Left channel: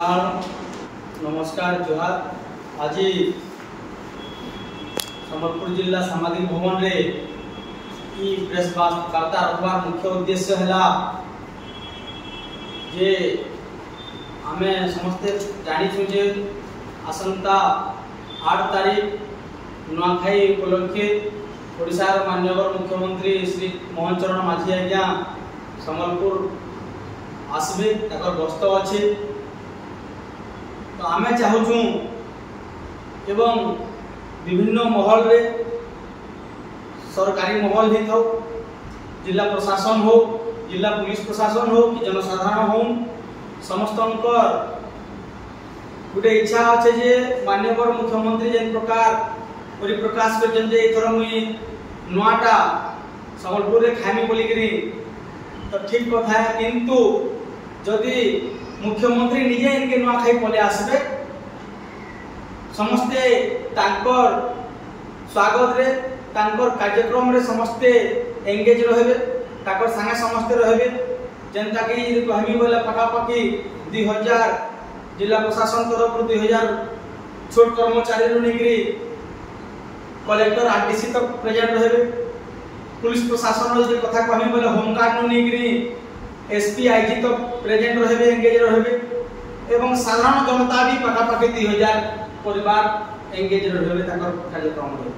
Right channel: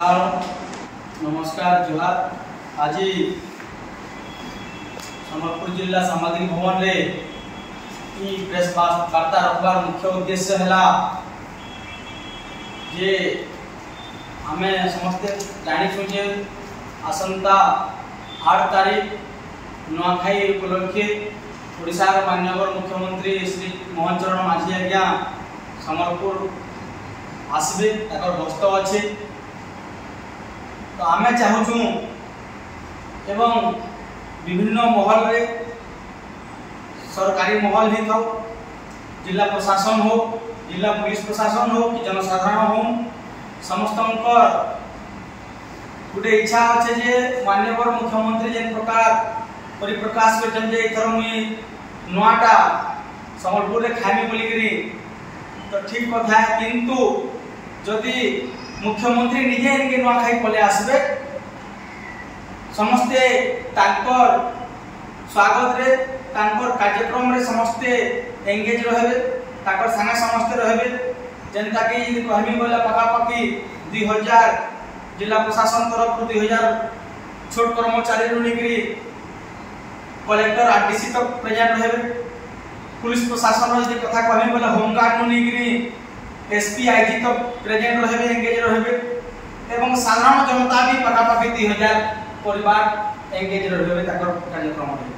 नमस्कार जोहार। आज संबलपुर जिला सामाजिक भवन रे प्रेस वार्ता रखबार मुख्य उद्देश्य है जे आमे समस्ते जानी जे आसंता 8 तारीख नुआखाई उपलक्षे ओडिशा माननीय मुख्यमंत्री श्री मोहन चरण माझी आज्ञा संबलपुर आसबे ताकर गस्त अच्छे। तो आमे चाहूँ एवं विभिन्न महल रे सरकारी महल ही था, जिला प्रशासन हो, जिला पुलिस प्रशासन हो कि जनसाधारण हो, समस्त गोटे इच्छा अच्छे जे माननीय मुख्यमंत्री जेन प्रकार परिप्रकाश कर एथर मुई नुआटा संबलपुर रे खाइमी बोलिकी तो ठीक कथा है, किंतु जदि मुख्यमंत्री निजे इनके नुआखाई पले आसबे समस्ते तांकर स्वागत रे तांकर कार्यक्रम रे समस्ते एंगेज रहबे, ताकर संगे समस्ते रहबे। जनता की कहमी बोले पकापकी 2000 जिला प्रशासन तरफ 2000 छोट कर्मचारी रुनिकरी कलेक्टर आरडीसी तक प्रेजेंट रहबे। पुलिस प्रशासन रे कथा कहमी बोले होमगार्ड रुनिकरी एसपी आईजी तो प्रेजेंट रहबे, एंगेज रहबे एवं साधारण जनता भी पकापकी 2000 परिवार एंगेज रहबे ताकर कार्यक्रम रे।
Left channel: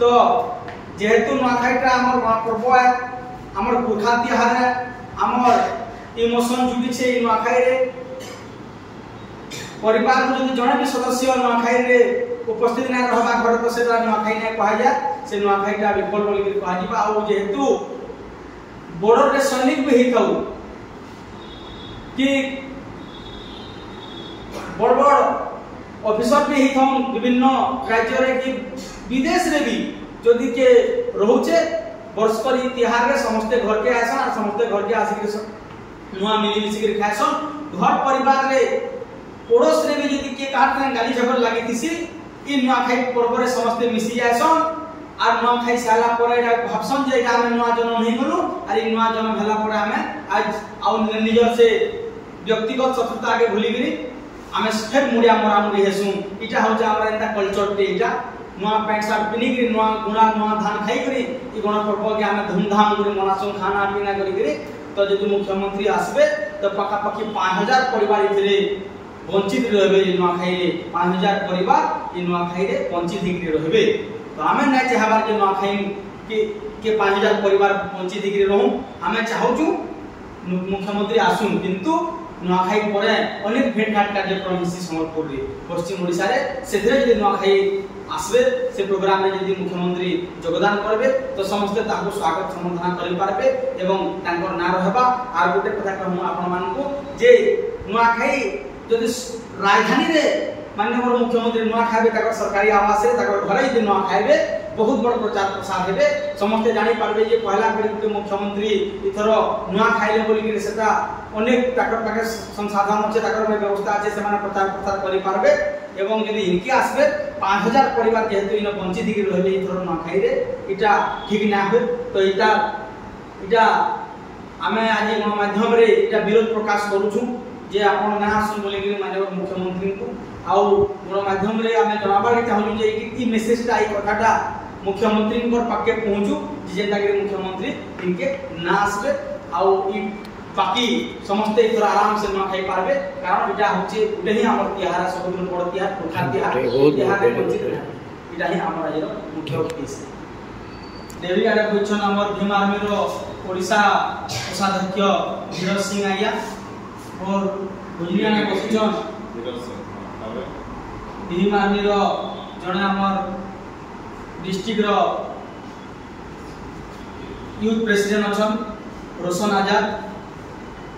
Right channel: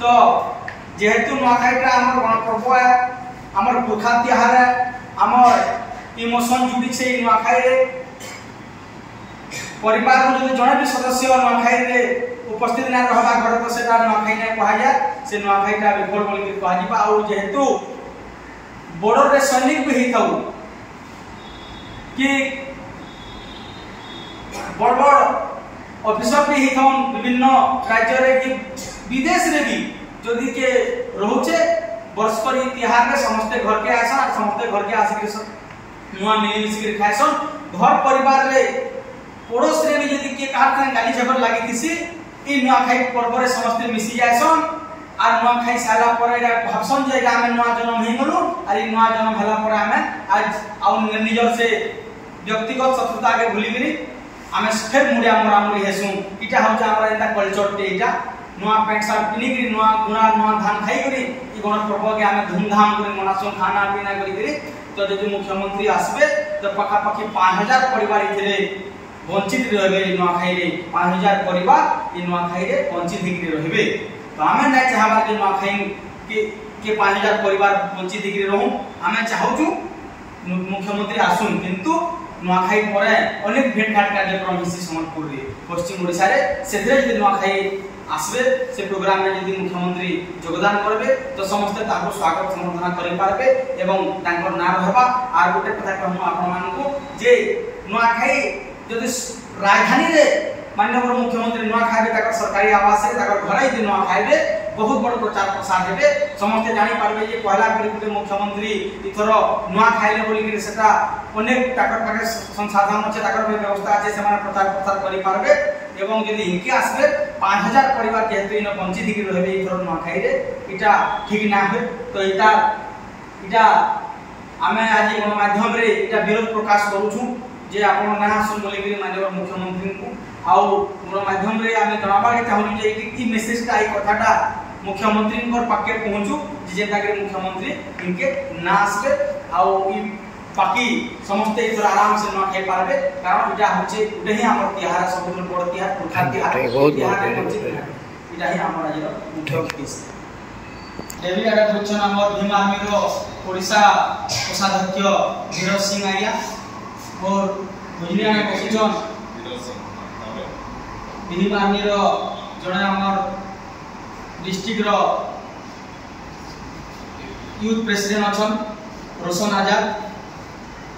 तो जेहेतु नुआखाईटा हमर गणपर्व है, हमर पुरखा तिहार है, हमर इमोशन जुड़ी छे नुआखाई रे। परिवार को जदि जणे भी सदस्य नुआखाई रे उपस्थित ना रहबा घर तो सेटा नुआखाई नै कहा जाय, से नुआखाईटा विफल बोली के कहा जिबा। आ जेहेतु बॉर्डर रे सैनिक भी ही थाउ कि बड़ बड़ ऑफिसर भी ही थाउ विभिन्न राज्य रे कि विदेश रे भी जदि के रहउचे वर्ष पर तिहार रे समस्त घर के आसन, समस्त घर के आसी नुआ मिली मिसी के खाइसन। घर परिवार रे पड़ोस रे भी जदि के काट गाली झगड़ लागि दिसी इ नुआखाई पर्व रे समस्त मिसी जायसन। आर नुआखाई साला परे भाबसन जे आमे नुआ जन्म हे गलु, आर नुआ जन्म हला परे आमे आज आउ निजर से व्यक्तिगत शत्रुता के भूली गिरी आमे फिर मुडिया मोरा मुडी हेसु। इटा हो जा हमरा एता कल्चर टे इटा नुआ पैंट शर्ट पिनी गिरी नुआ गुना नुआ धान खाई गिरी इ गण पर्व के आमे धूमधाम करे मनासु, खाना पीना करी गिरी। तो जदि मुख्यमंत्री आसबे तो पकापकी 5000 परिवार इथरे वंचित रहबे। नुआखाई रे 5000 परिवार इ नुआखाई रे वंचित हिकरे रहबे। तो आमे नै चाहबा जे नुआखाई के 5000 परिवार वंचित हिकरे रहू। आमे चाहूछु मुख्यमंत्री आसुन, किंतु नुआखाई परे अनेक भेटघाट कार्यक्रम हिसी संबलपुर रे पश्चिम ओडिसा रे सेथरे जदि नुआखाई आसबे से प्रोग्राम में जदि मुख्यमंत्री योगदान करबे तो समस्त ताको स्वागत संबर्धना करि पारबे एवं तांकर ना रहबा। आर गोटे कथा कहू आपन मानकु जे नुआखाई जदि राजधानी रे माननीय मुख्यमंत्री नुआ खाइबे ताकर सरकारी आवास है ताकर घर ही नुआ खाइबे बहुत बड़ प्रचार प्रसार हेबे। समस्त जानि पारबे जे पहला करी गुटे मुख्यमंत्री इथरो नुआ खाइले बोली कि सेटा अनेक ताकर पाके संसाधन अछि, ताकर व्यवस्था अछि, से माने प्रचार प्रसार करि पारबे। एवं यदि इनके आसबे 5000 परिवार जेहेतु इन वंचित कि रहबे इथरो नुआ खाइ रे इटा ठीक ना होय। तो इटा आमे आज गण माध्यम रे इटा विरोध प्रकाश करूछु जे आपण ना सुन बोली कि माननीय मुख्यमंत्री को आउ गण माध्यम रे आमे जनाबा के चाहू जे इ मेसेज ता इ कथाटा मुख्यमंत्री को पाके पहुंचू जे जेता कि मुख्यमंत्री इनके ना आसबे आउ इ बाकी समस्त इथर आराम से न खाइ पारबे। कारण इटा होचे उडे ही हमर तिहार सब बड़ तिहार पुरखा तिहार इटा ही हमर आज मुख्य उद्देश्य। देवी आडा क्वेश्चन हमर भीम आर्मी रो ओडिशा कोषाध्यक्ष धीरज सिंह आया और गुजरिया में बसिचन भीम आर्मी रो जने हमर डिस्ट्रिक्ट रो यूथ प्रेसिडेंट अछन रोशन आजाद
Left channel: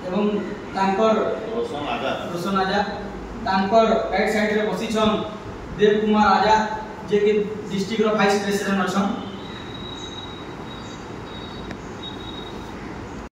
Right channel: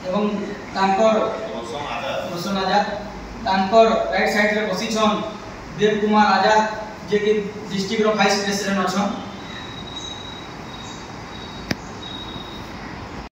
एवं तांकर रोशन आजाद तांकर राइट साइड रे बसिचन देव कुमार आजाद जे कि डिस्ट्रिक्ट रो वाइस प्रेसिडेंट अछन।